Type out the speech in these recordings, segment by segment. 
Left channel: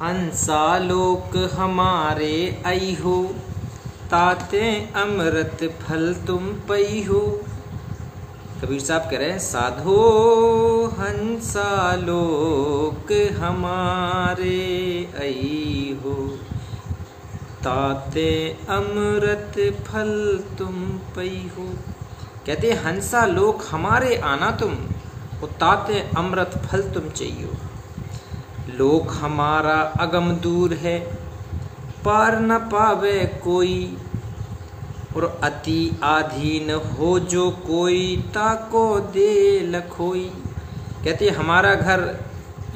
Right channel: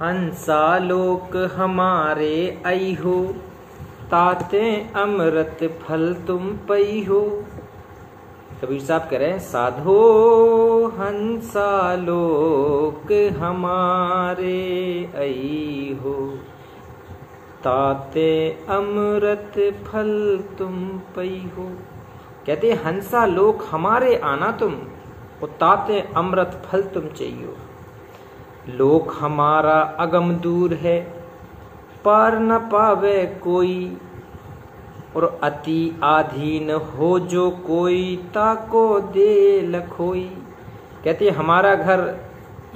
हंसा लोक हमारे आई हो, ताते अमृत फल तुम पई हो। कबीर साहब कह रहे हैं साधो हंसा लोक हमारे आई हो, ताते अमृत फल तुम पई हो। कहते हंसा लोक हमारे आना तुम, और ताते अमृत फल तुम चाहिए। लोक हमारा अगम दूर है, पार न पावे कोई, और अति आधीन हो जो कोई, ताको दे लखोई। कहते हमारा घर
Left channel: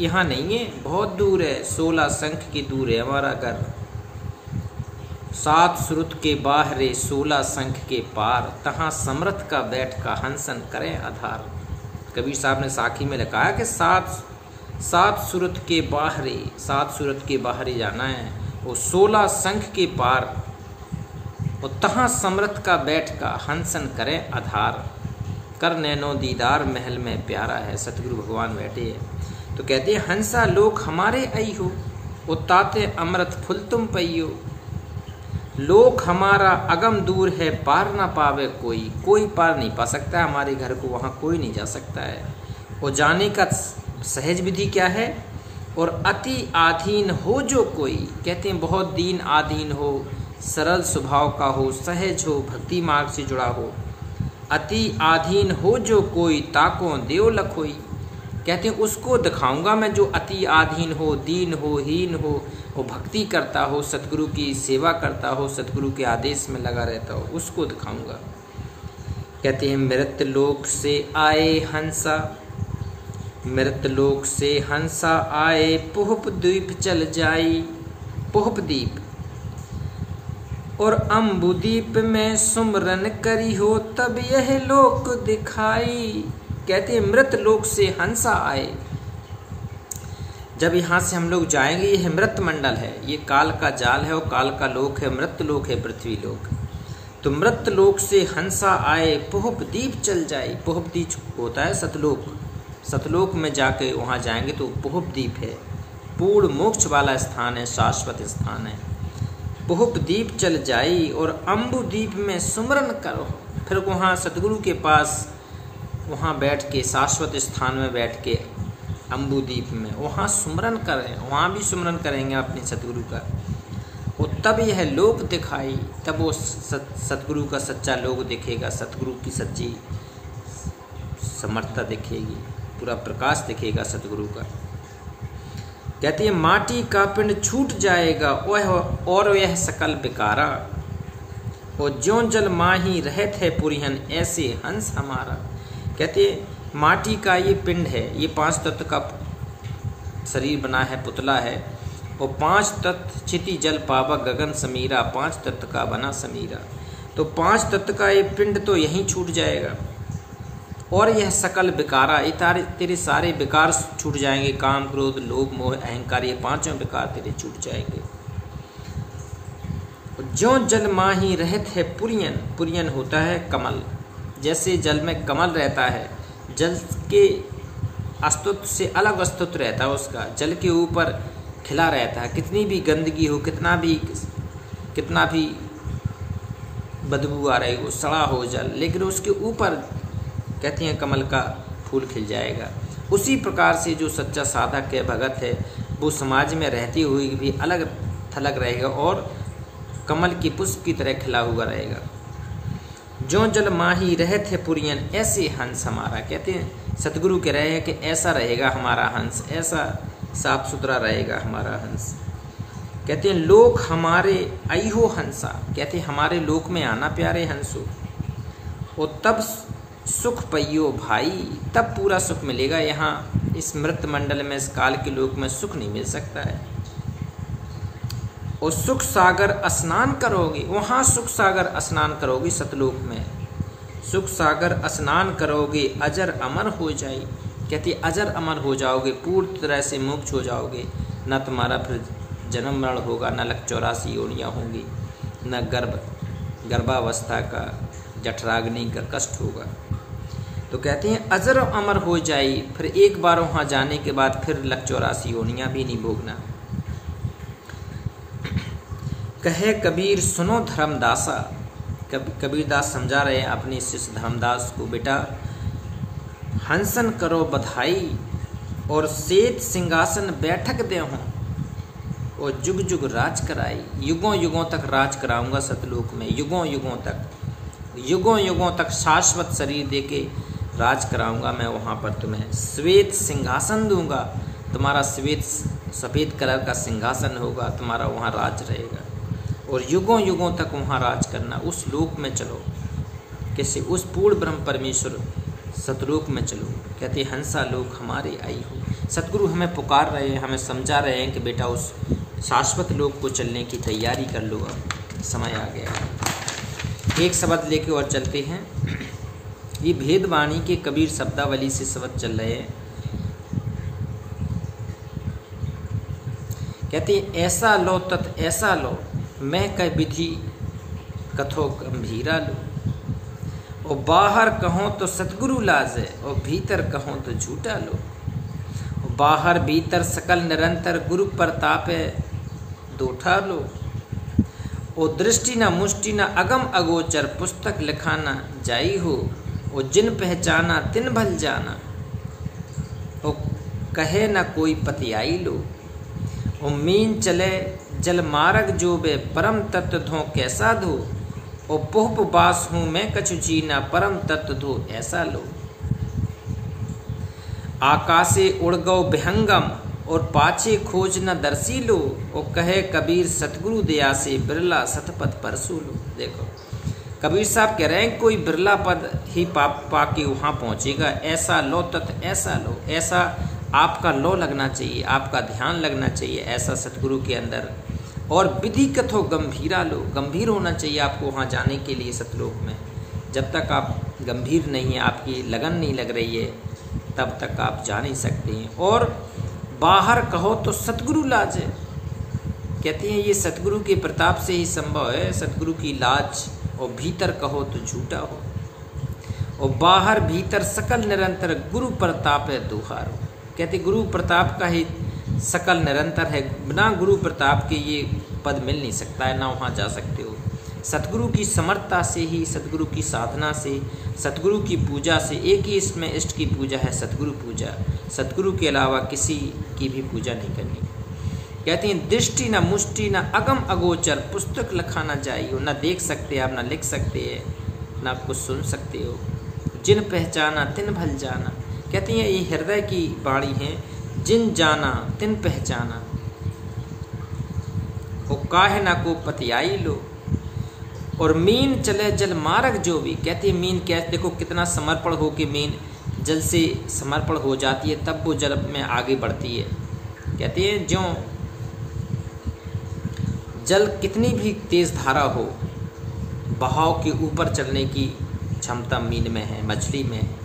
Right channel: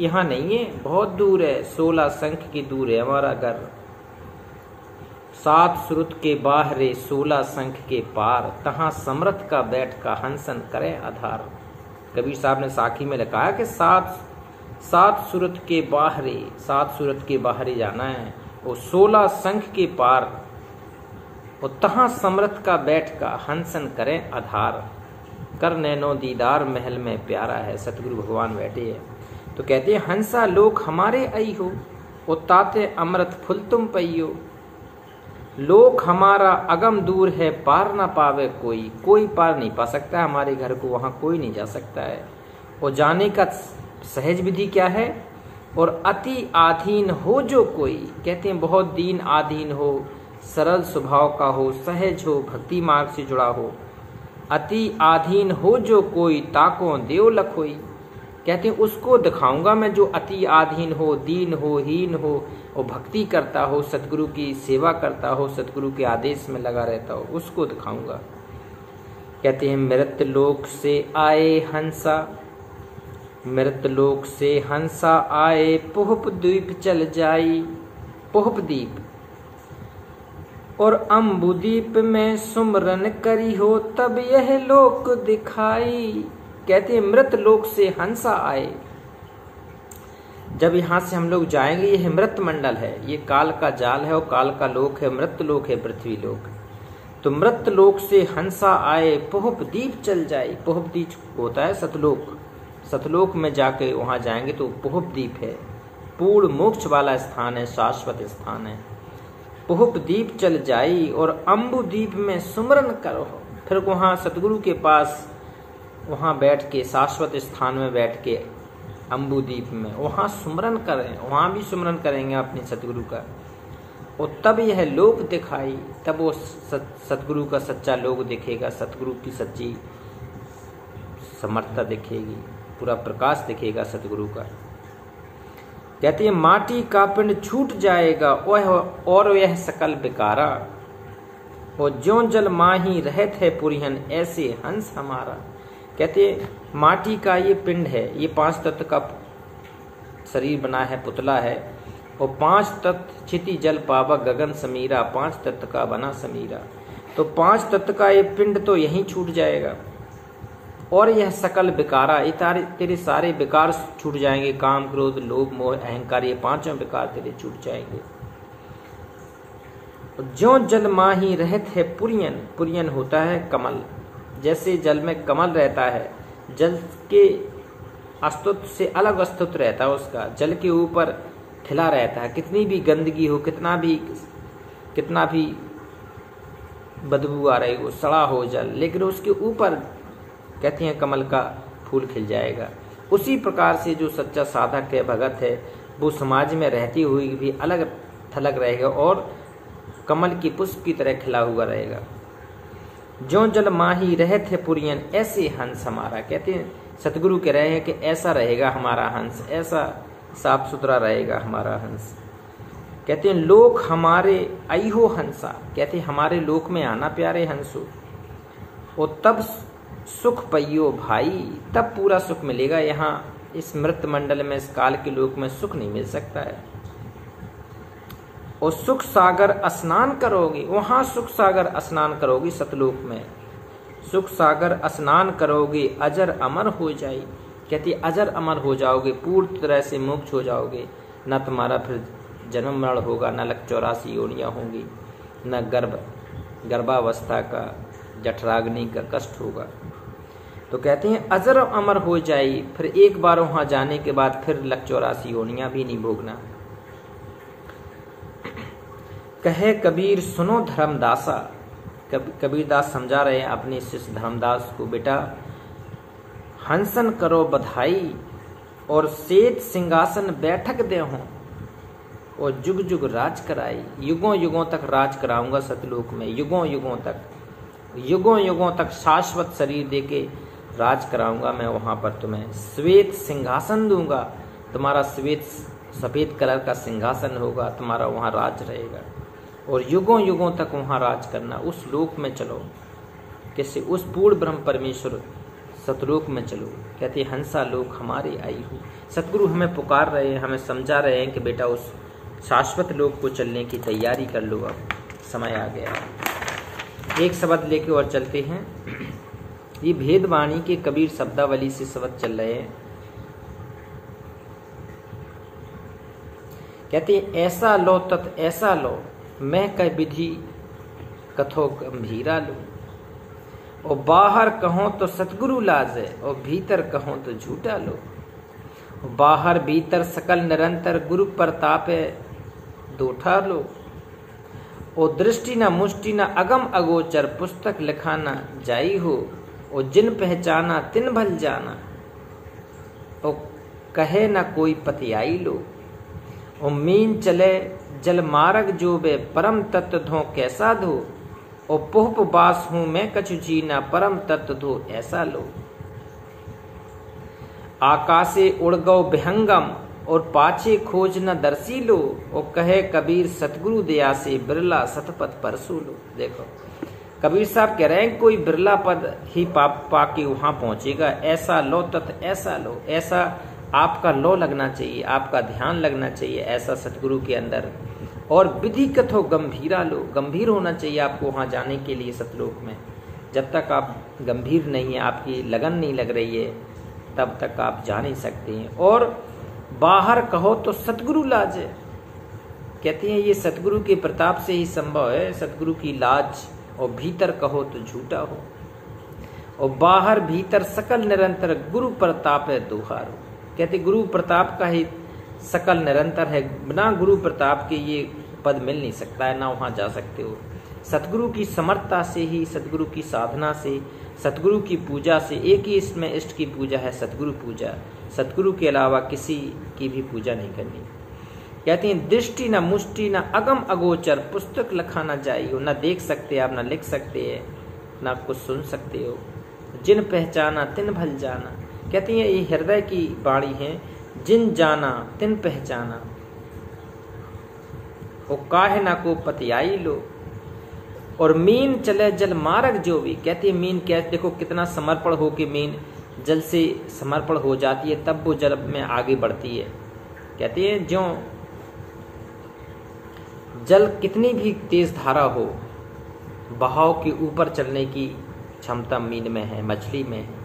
यहाँ नहीं है, बहुत दूर है, 16 संख की दूर है हमारा घर। 7 सुरुत के बाहरे 16 संख के पार, तहाँ समर्थ का बैठ का हंसन करें आधार। कबीर साहब ने साखी में लिखा है कि 7 सुरुत के बाहरे, 7 सुरुत के बाहरे जाना है, और 16 संख के पार, और तहाँ समर्थ का बैठ का हंसन करें आधार। कर नैनो दीदार महल में प्यारा है, सतगुरु भगवान बैठे हैं। तो कहते हैं हंसा लोक हमारे आई हो, और ताते अमृत फुल तुम पइयो। लोक हमारा अगम दूर है, पार ना पावे कोई, कोई पार नहीं पा सकता है हमारे घर को, वहाँ कोई नहीं जा सकता है। और जाने का सहज विधि क्या है? और अति आधीन हो जो कोई, कहते हैं बहुत दीन आधीन हो, सरल स्वभाव का हो, सहज हो, भक्ति मार्ग से जुड़ा हो। अति आधीन हो जो कोई, ताको देव लखोई। कहते हैं उसको दिखाऊंगा मैं जो अति आधीन हो, दीन हो, हीन हो, और भक्ति करता हो, सतगुरु की सेवा करता हो, सतगुरु के आदेश में लगा रहता हो, उसको दिखाऊंगा। कहते हैं मृत लोक से आए हंसा, मृत लोक से हंसा आए, पुहप द्वीप चल जाई। पुहप द्वीप और अम्बुदीप में सुमरन करी हो, तब यह लोक दिखाई। कहते हैं मृत लोक से हंसा आए। जब यहाँ से हम लोग जाएंगे, यह मृत मंडल है, ये काल का जाल है, और काल का लोक है, मृत लोक है, पृथ्वी लोक। तो मृत लोक से हंसा आए, पुहप दीप चल जाए। पुहप दीप होता है सतलोक। सतलोक में जाके वहाँ जाएंगे तो पुहप दीप है, पूर्ण मोक्ष वाला स्थान है, शाश्वत स्थान है। पुहप दीप चल जाई, और अम्बु दीप में सुमरन करो। फिर वहाँ सतगुरु के पास वहाँ बैठ के, शाश्वत स्थान में बैठ के, अम्बु दीप में वहाँ सुमरन करें, वहाँ भी सुमरन करेंगे अपने सतगुरु का। और तब यह लोक दिखाई, तब वो सतगुरु का सच्चा लोक दिखेगा, सतगुरु की सच्ची समर्थता दिखेगी, पूरा प्रकाश दिखेगा सतगुरु का। कहते हैं माटी का पिंड छूट जाएगा, और यह सकल बिकारा, और ज्यों जल माही रहत है पुरिहन, ऐसे हंस हमारा। कहते हैं माटी का ये पिंड है, ये 5 तत्व का शरीर बना है, पुतला है, और 5 तत्व चिति जल पावक गगन समीरा, 5 तत्व का बना समीरा। तो 5 तत्व का ये पिंड तो यहीं छूट जाएगा, और यह सकल विकारा, ये तेरे सारे विकार छूट जाएंगे, काम क्रोध लोभ मोह अहंकार, ये 5 विकार तेरे छूट जाएंगे। ज्यों जल माही रहत है पुरियन, पुरियन होता है कमल, जैसे जल में कमल रहता है, जल के अस्तित्व से अलग अस्तित्व रहता है उसका, जल के ऊपर खिला रहता है। कितनी भी गंदगी हो, कितना भी बदबू आ रही हो, सड़ा हो जल, लेकिन उसके ऊपर कहते हैं कमल का फूल खिल जाएगा। उसी प्रकार से जो सच्चा साधक है, भगत है, वो समाज में रहते हुए भी अलग थलग रहेगा, और कमल की पुष्प की तरह खिला हुआ रहेगा। जो जल माही रहत है पुरियन, ऐसे हंस हमारा। कहते हैं सतगुरु कह रहे हैं कि ऐसा रहेगा हमारा हंस, ऐसा साफ सुथरा रहेगा हमारा हंस। कहते हैं लोक हमारे आई हो हंसा, कहते हैं हमारे लोक में आना प्यारे हंसो, और तब सुख पइयो भाई, तब पूरा सुख मिलेगा। यहाँ इस मृत मंडल में, इस काल के लोक में सुख नहीं मिल सकता है। और सुख सागर स्नान करोगे, वहाँ सुख सागर स्नान करोगे, सतलोक में सुख सागर स्नान करोगे, अजर अमर हो जाए। कहते अजर अमर हो जाओगे, पूर्ण तरह से मोक्ष हो जाओगे, न तुम्हारा फिर जन्म मरण होगा, न लक 84 योनियाँ होंगी, न गर्भावस्था का जठराग्नि का कष्ट होगा। तो कहते हैं अजर अमर हो जाए, फिर एक बार वहाँ जाने के बाद फिर लक 84 योनियाँ भी नहीं भोगना। कहे कबीर सुनो धर्मदासा। कबीरदास समझा रहे हैं अपने शिष्य धर्मदास को, बेटा हंसन करो बधाई और श्वेत सिंहासन बैठक दे हों और जुग जुग राज कराई। युगों युगों तक राज कराऊंगा सतलोक में, युगों युगों तक शाश्वत शरीर देके राज कराऊंगा मैं वहाँ पर तुम्हें। श्वेत सिंहासन दूंगा, तुम्हारा श्वेत सफ़ेद कलर का सिंहासन होगा, तुम्हारा वहाँ राज रहेगा और युगों युगों तक वहाँ राज करना। उस लोक में चलो, कैसे उस पूर्ण ब्रह्म परमेश्वर सतलोक में चलो। कहते हंसा लोक हमारे आई हो। सतगुरु हमें पुकार रहे हैं, हमें समझा रहे हैं कि बेटा उस शाश्वत लोक को चलने की तैयारी कर लो, अब समय आ गया है। एक शब्द लेके और चलते हैं। ये भेदवाणी के कबीर शब्दावली से शब्द चल रहे हैं। कहते हैं ऐसा लो तत् ऐसा लो, मैं कह विधि कथो गंभीरा लो। और बाहर कहो तो सतगुरु लाजे और भीतर कहो तो झूठा लो। बाहर भीतर सकल निरंतर गुरु प्रतापे दोठा लो। और दृष्टि न मुष्टि न अगम अगोचर पुस्तक लिखाना जाई हो। और जिन पहचाना तिन भल जाना और कहे न कोई पतियाई लो। और मीन चले जल मार्ग जो बे परम तत्व धो कैसा धो। और पुहप बास हूं मैं कछु चीना परम तत्व धो ऐसा लो। आकाशे उड़ गौ विहंगम और पाछे खोज न दर्शी लो। और कहे कबीर सतगुरु दया से बिरला सतपथ परसू लो। देखो कबीर साहब कह रहे हैं कोई बिरला पद ही पाके वहां पहुंचेगा। ऐसा लो तत् ऐसा लो, ऐसा आपका लो लगना चाहिए, आपका ध्यान लगना चाहिए ऐसा सतगुरु के अंदर। और विधि कथो गंभीरा लो, गंभीर होना चाहिए आपको वहाँ जाने के लिए सतलोक में। जब तक आप गंभीर नहीं है, आपकी लगन नहीं लग रही है, तब तक आप जा नहीं सकते हैं। और बाहर कहो तो सतगुरु लाज, कहते हैं ये सतगुरु के प्रताप से ही संभव है, सतगुरु की लाज। और भीतर कहो तो झूठा हो। और बाहर भीतर सकल निरंतर गुरु प्रताप है दुहारो। कहते गुरु प्रताप का ही सकल निरंतर है, बिना गुरु प्रताप के ये पद मिल नहीं सकता है, ना वहाँ जा सकते हो। सतगुरु की समर्थता से ही, सतगुरु की साधना से, सतगुरु की पूजा से, एक ही इसमें इष्ट की पूजा है सतगुरु पूजा। सतगुरु के अलावा किसी की भी पूजा नहीं करनी। कहते हैं दृष्टि न मुष्टि न अगम अगोचर पुस्तक लखाना जाई हो। न देख सकते आप, न लिख सकते हैं, न कुछ सुन सकते हो। जिन पहचाना तिन भल जाना, कहते हैं ये हृदय की वाणी है। जिन जाना तिन पहचाना वो काहे ना को पतियाई लो। और मीन चले जल मार्ग जो भी, कहते हैं मीन क्या, देखो कितना समर्पण हो के मीन जल से समर्पण हो जाती है तब वो जल में आगे बढ़ती है। कहते हैं जो जल कितनी भी तेज धारा हो, बहाव के ऊपर चलने की क्षमता मीन में है, मछली में है।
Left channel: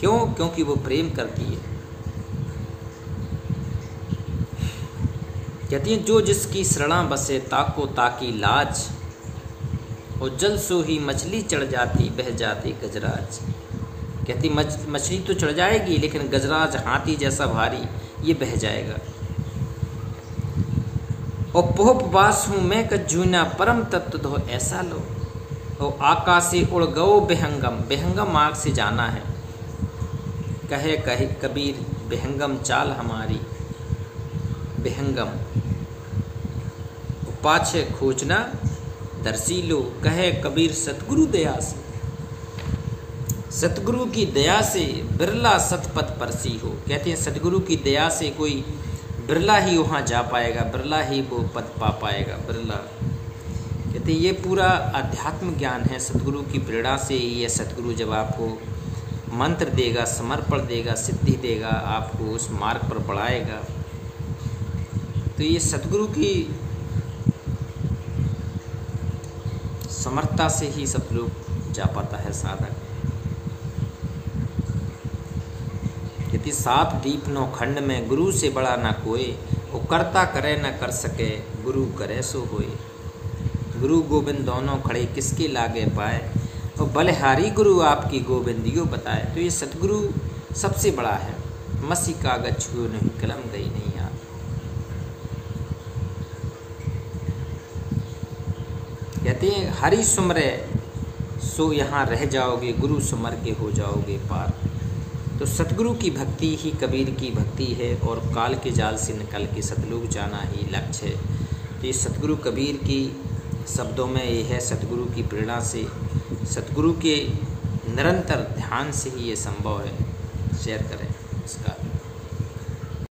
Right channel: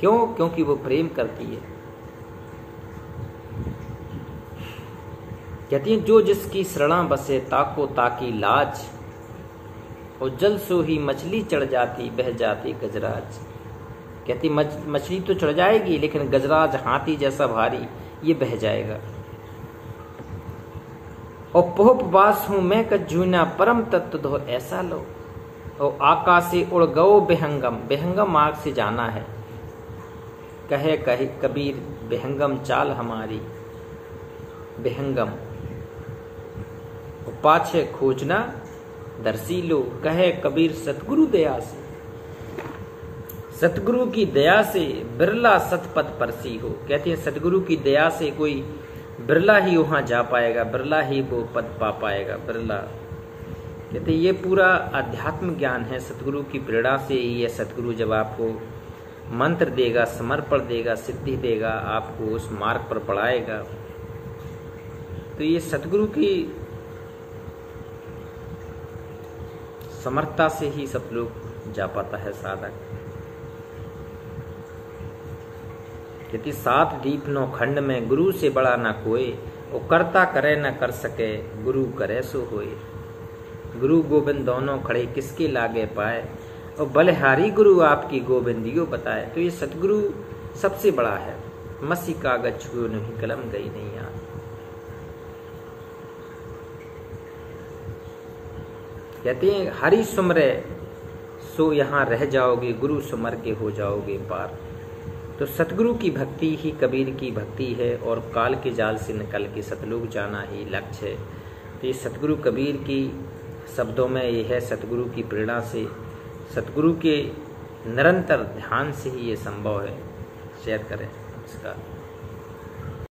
क्यों? क्योंकि वो प्रेम करती है। कहती है जो जिसकी शरणा बसे ताको ताकी लाज। और जल सो ही मछली चढ़ जाती बह जाती गजराज। कहती मछली तो चढ़ जाएगी लेकिन गजराज हाथी जैसा भारी ये बह जाएगा। और पोहप बास हूं मैं कजूना परम तत्व धो ऐसा लो। और आकाशे उड़ गओ बेहंगम, बेहंगम मार्ग से जाना है। कहे कहे कबीर बेहंगम चाल हमारी, बेहंगम पाछे खोजना दर्शी लो। कहे कबीर सतगुरु दया से, सतगुरु की दया से बिरला सतपथ परसी हो। कहते हैं सतगुरु की दया से कोई बिरला ही वहां जा पाएगा, बिरला ही वो पद पा पाएगा, बिरला। कहते ये पूरा अध्यात्म ज्ञान है, सतगुरु की प्रेरणा से ही है। सतगुरु जब आपको मंत्र देगा, समर्पण देगा, सिद्धि देगा, आपको उस मार्ग पर बढ़ाएगा। तो ये सतगुरु की समर्थता से ही सब लोग जा पाता है साधक। कहती सात दीप नौ खंड में गुरु से बड़ा ना कोई। वो करता करे न कर सके गुरु करे सो होए। गुरु गोविंद दोनों खड़े किसके लागे पाए। और बलिहारी गुरु आपकी गोविंदियो बताए। तो ये सतगुरु सबसे बड़ा है। मसी कागज छुओ नहीं कलम गई नहीं याद। कहते हैं हरि सुमरे सो यहाँ रह जाओगे, गुरु सुमर के हो जाओगे पार। तो सतगुरु की भक्ति ही कबीर की भक्ति है और काल के जाल से निकल के सतलोक जाना ही लक्ष्य है। तो ये सतगुरु कबीर की शब्दों में ये है, सतगुरु की प्रेरणा से, सतगुरु के निरंतर ध्यान से ही ये संभव है। शेयर करें इसका।